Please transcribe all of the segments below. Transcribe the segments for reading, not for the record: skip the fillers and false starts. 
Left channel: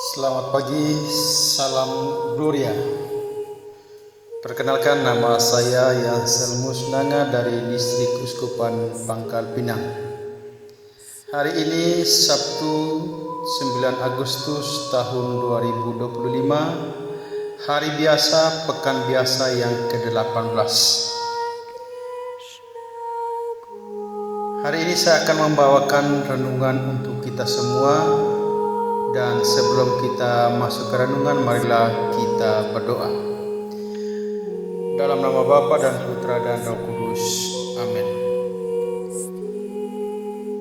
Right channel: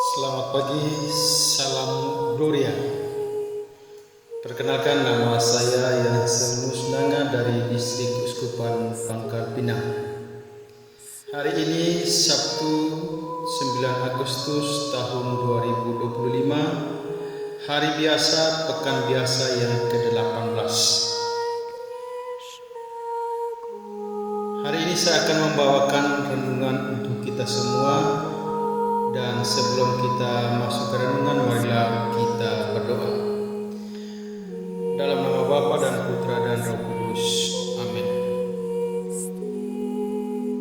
Selamat pagi, salam Gloria. Perkenalkan, nama saya Yansel Musnanga dari Distrik Uskupan Pangkal Pinang. Hari ini Sabtu 9 Agustus tahun 2025, hari biasa, pekan biasa yang ke-18. Hari ini saya akan membawakan renungan untuk kita semua. Dan sebelum kita masuk ke renungan, marilah kita berdoa. Dalam nama Bapa dan Putra dan Roh Kudus. Amin.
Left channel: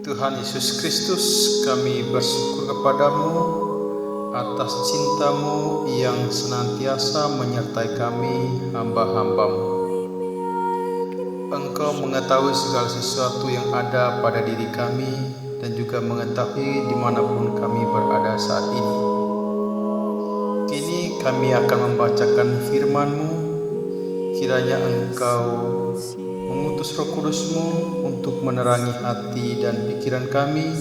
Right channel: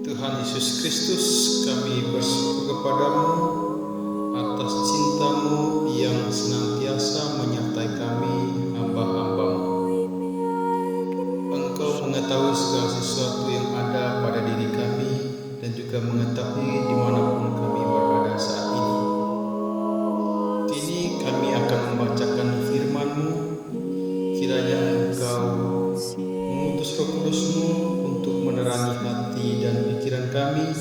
Tuhan Yesus Kristus, kami bersyukur kepadamu atas cinta-Mu yang senantiasa menyertai kami, hamba-hamba-Mu. Engkau mengetahui segala sesuatu yang ada pada diri kami, dan juga mengetahui dimanapun kami berada saat ini. Kini kami akan membacakan firman-Mu. Kiranya Engkau mengutus Roh Kudus-Mu untuk menerangi hati dan pikiran kami,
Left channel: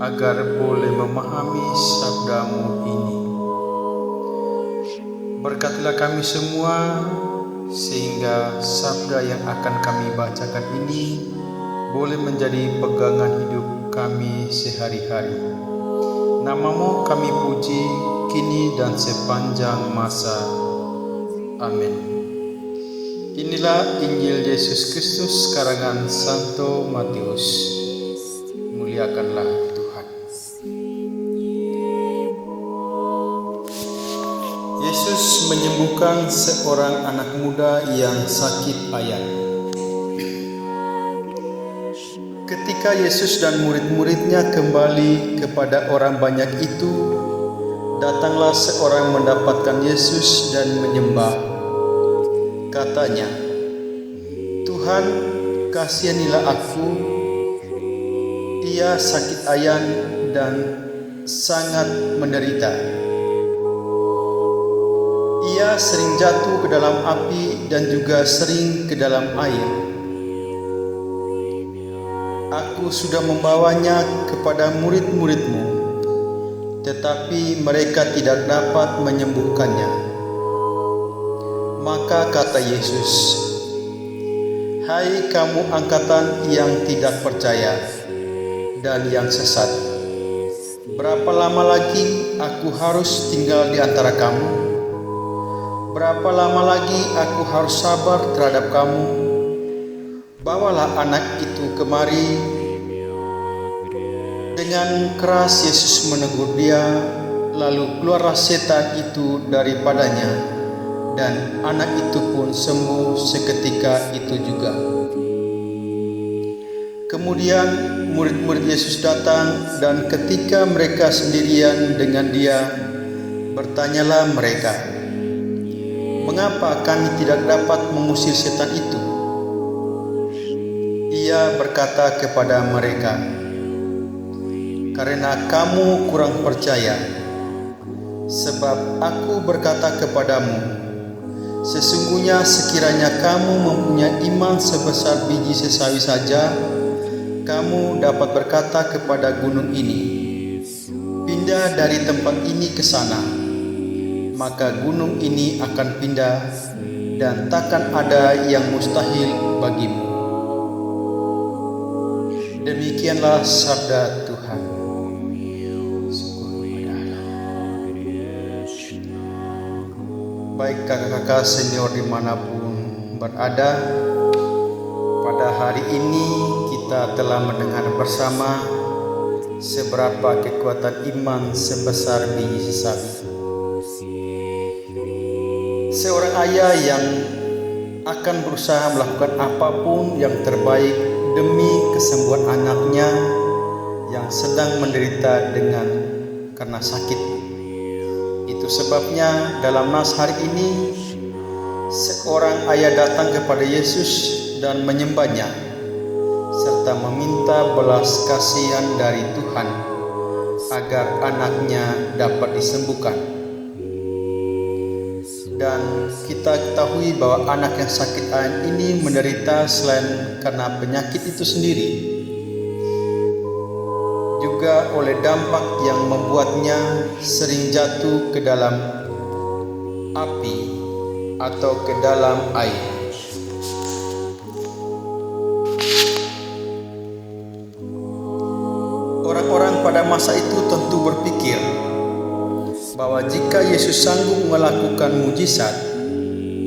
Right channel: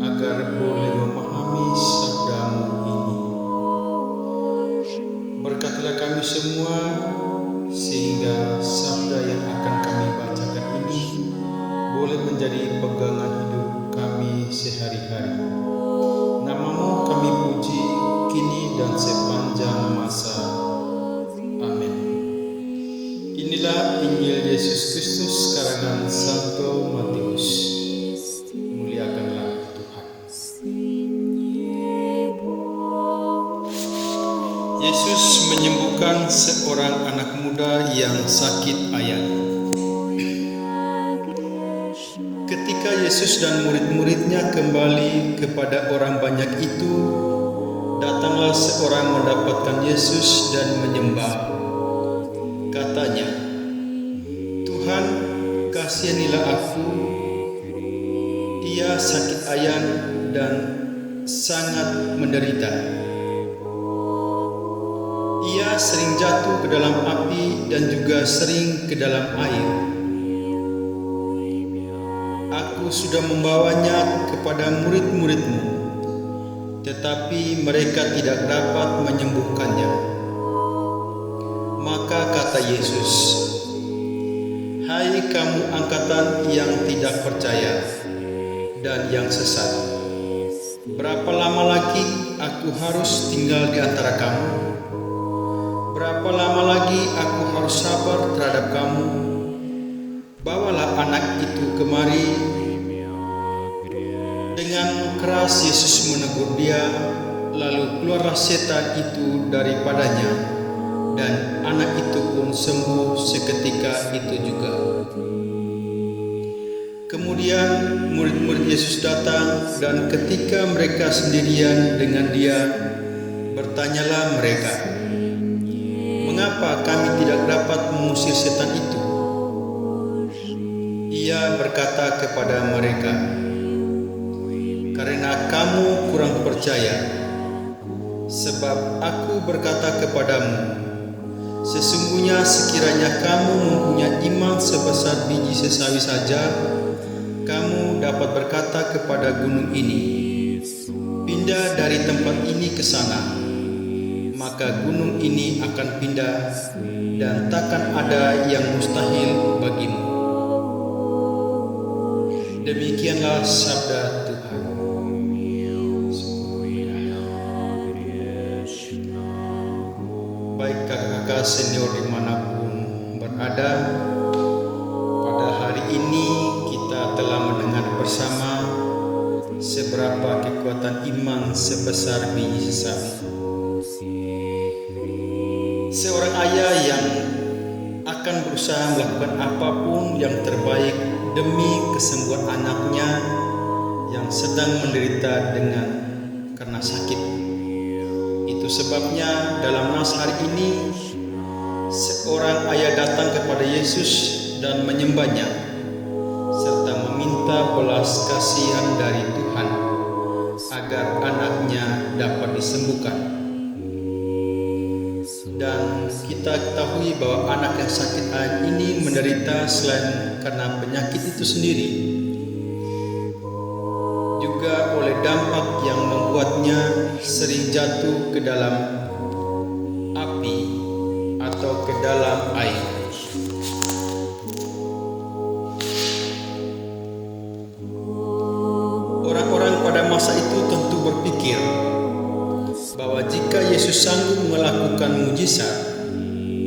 agar boleh memahami sabda-Mu ini. Berkatilah kami semua, sehingga sabda yang akan kami bacakan ini boleh menjadi pegangan hidup kami sehari-hari. Nama-Mu kami puji kini dan sepanjang masa. Amin. Inilah Injil Yesus Kristus karangan Santo Matius. Muliakanlah Tuhan. Yesus menyembuhkan seorang anak muda yang sakit ayan. Ketika Yesus dan murid-muridnya kembali kepada orang banyak itu, datanglah seorang mendapatkan Yesus dan menyembah. Katanya, "Tuhan, kasihanilah aku. Ia sakit ayan dan sangat menderita. Ia sering jatuh ke dalam api dan juga sering ke dalam air. Aku sudah membawanya kepada murid-murid-Mu, tetapi mereka tidak dapat menyembuhkannya." Maka kata Yesus, "Hai kamu angkatan yang tidak percaya dan yang sesat, berapa lama lagi aku harus tinggal di antara kamu? Berapa lama lagi aku harus sabar terhadap kamu? Bawalah anak itu kemari." Dengan keras Yesus menegur dia, lalu keluarlah setan itu daripadanya, dan anak itu pun sembuh seketika itu juga. Kemudian murid-murid Yesus datang, dan ketika mereka sendirian dengan dia, bertanyalah mereka, "Mengapa kami tidak dapat mengusir setan itu?" Ia berkata kepada mereka, "Karena kamu kurang percaya. Sebab aku berkata kepadamu, sesungguhnya sekiranya kamu mempunyai iman sebesar biji sesawi saja, kamu dapat berkata kepada gunung ini, 'Pindah dari tempat ini ke sana,' maka gunung ini akan pindah, dan takkan ada yang mustahil bagimu." Demikianlah sabda Tuhan. Baik kakak-kakak senior dimanapun berada, pada hari ini kita telah mendengar bersama seberapa kekuatan iman sebesar biji sesawi. Seorang ayah yang akan berusaha melakukan apapun yang terbaik demi kesembuhan anaknya yang sedang menderita karena sakit. Itu sebabnya dalam nas hari ini, seorang ayah datang kepada Yesus dan menyembahnya, serta meminta belas kasihan dari Tuhan agar anaknya dapat disembuhkan. Dan kita ketahui bahwa anak yang sakit ayan ini menderita selain karena penyakit itu sendiri, juga oleh dampak yang membuatnya sering jatuh ke dalam api atau ke dalam air. Orang-orang pada masa itu tentu berpikir bahwa jika Yesus sanggup melakukan mujizat,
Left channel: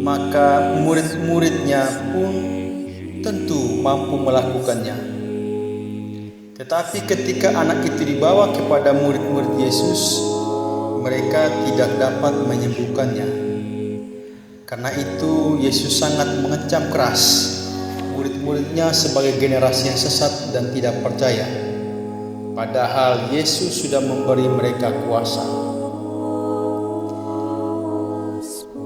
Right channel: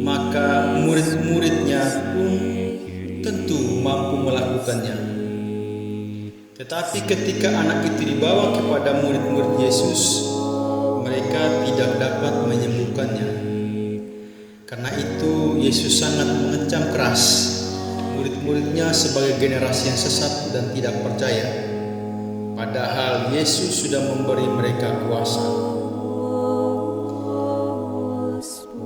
maka murid-muridnya pun tentu mampu melakukannya. Tetapi ketika anak itu dibawa kepada murid-murid Yesus, mereka tidak dapat menyembuhkannya. Karena itu Yesus sangat mengecam keras murid-muridnya sebagai generasi yang sesat dan tidak percaya. Padahal Yesus sudah memberi mereka kuasa.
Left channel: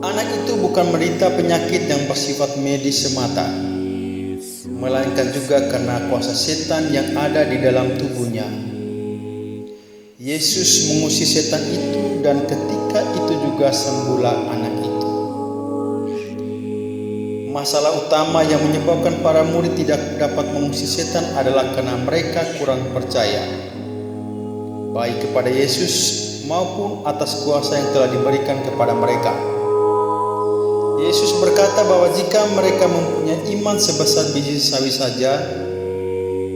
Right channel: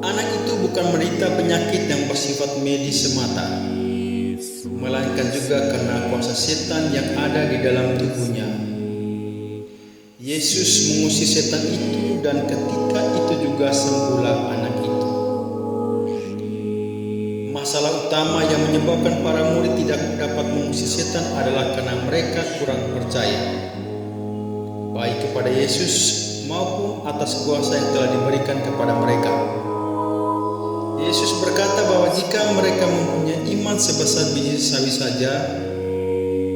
Anak itu bukan menderita penyakit yang bersifat medis semata, melainkan juga karena kuasa setan yang ada di dalam tubuhnya. Yesus mengusir setan itu dan ketika itu juga sembuhlah anak itu. Masalah utama yang menyebabkan para murid tidak dapat mengusir setan adalah karena mereka kurang percaya, baik kepada Yesus maupun atas kuasa yang telah diberikan kepada mereka. Yesus berkata bahwa jika mereka mempunyai iman sebesar biji sawi saja,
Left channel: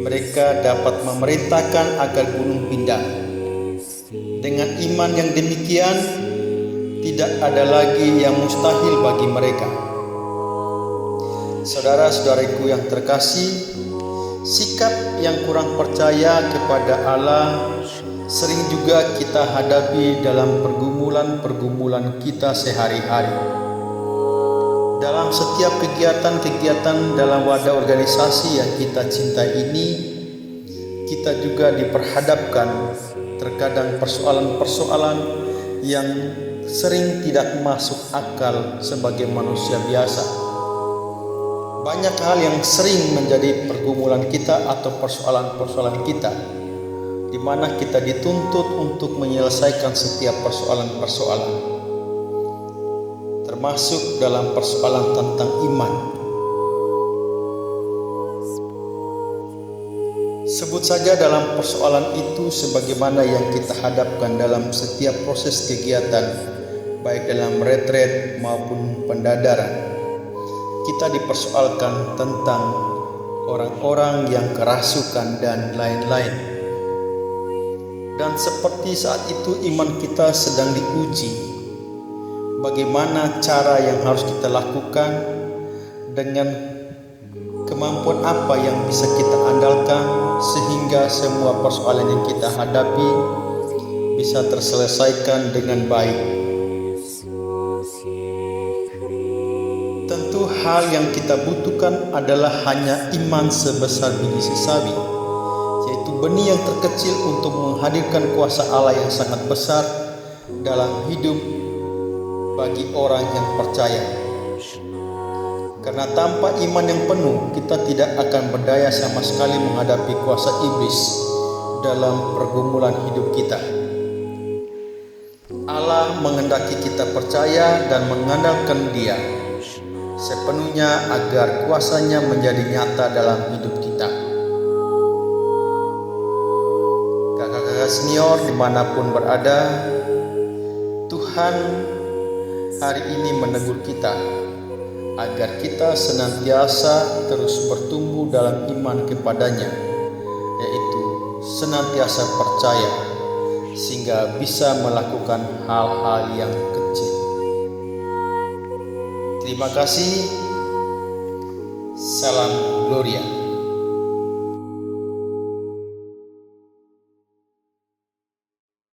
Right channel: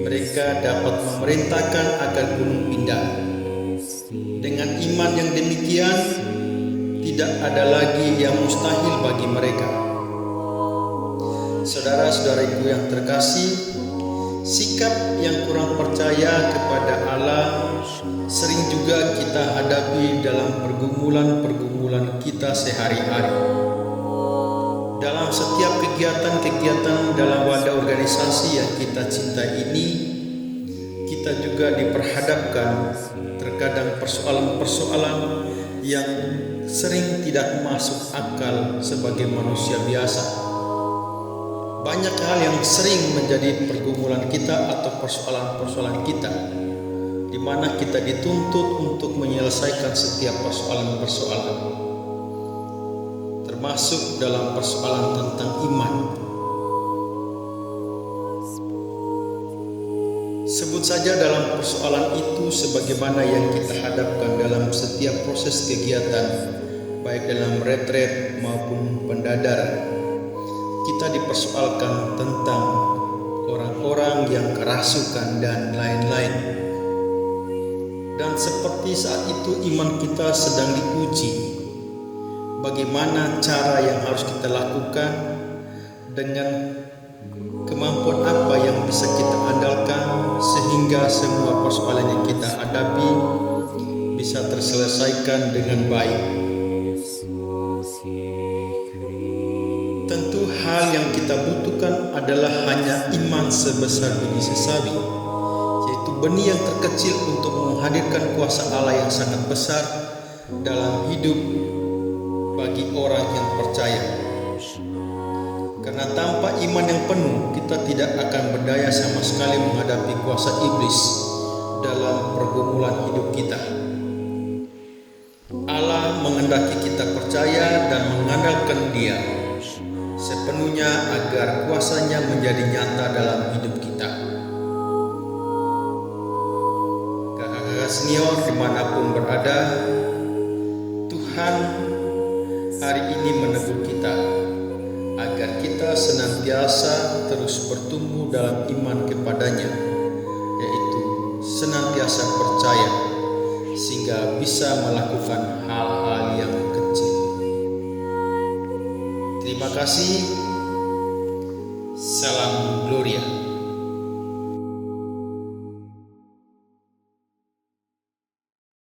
mereka dapat memerintahkan agar gunung pindah. Dengan iman yang demikian, tidak ada lagi yang mustahil bagi mereka. Saudara-saudariku yang terkasih, sikap yang kurang percaya kepada Allah sering juga kita hadapi dalam pergumulan-pergumulan kita sehari-hari. Dalam setiap kegiatan-kegiatan dalam wadah organisasi yang kita cintai ini, kita juga diperhadapkan terkadang persoalan-persoalan yang sering tidak masuk akal sebagai manusia biasa. Banyak hal yang sering menjadi pergumulan kita atau persoalan-persoalan kita, di mana kita dituntut untuk menyelesaikan setiap persoalan-persoalan, termasuk dalam persoalan tentang iman. Sebut saja dalam persoalan itu sebagaimana yang kita hadapkan dalam setiap proses kegiatan, baik dalam retret maupun pendadaran. Kita dipersoalkan tentang orang-orang yang kerasukan dan lain-lain. Dan seperti saat itu iman kita sedang diuji. Bagaimana cara yang harus kita lakukan, dengan kemampuan apa yang bisa kita andalkan sehingga semua persoalan yang kita hadapi bisa terselesaikan dengan baik. Tentu hal yang kita butuhkan adalah hanya iman sebesar biji sawi, yaitu benih yang terkecil untuk menghadirkan kuasa Allah yang sangat besar dalam hidup bagi orang yang percaya. Karena tanpa iman yang penuh, kita tidak akan berdaya sama sekali menghadapi kuasa iblis dalam pergumulan hidup kita. Allah menghendaki kita percaya dan mengandalkan Dia sepenuhnya agar kuasanya menjadi nyata dalam hidup kita. Kakak-kakak senior dimanapun berada, Tuhan hari ini menegur kita agar kita senantiasa terus bertumbuh dalam iman kepadanya, yaitu senantiasa percaya sehingga bisa melakukan hal-hal yang kecil. Terima kasih. Salam Gloria.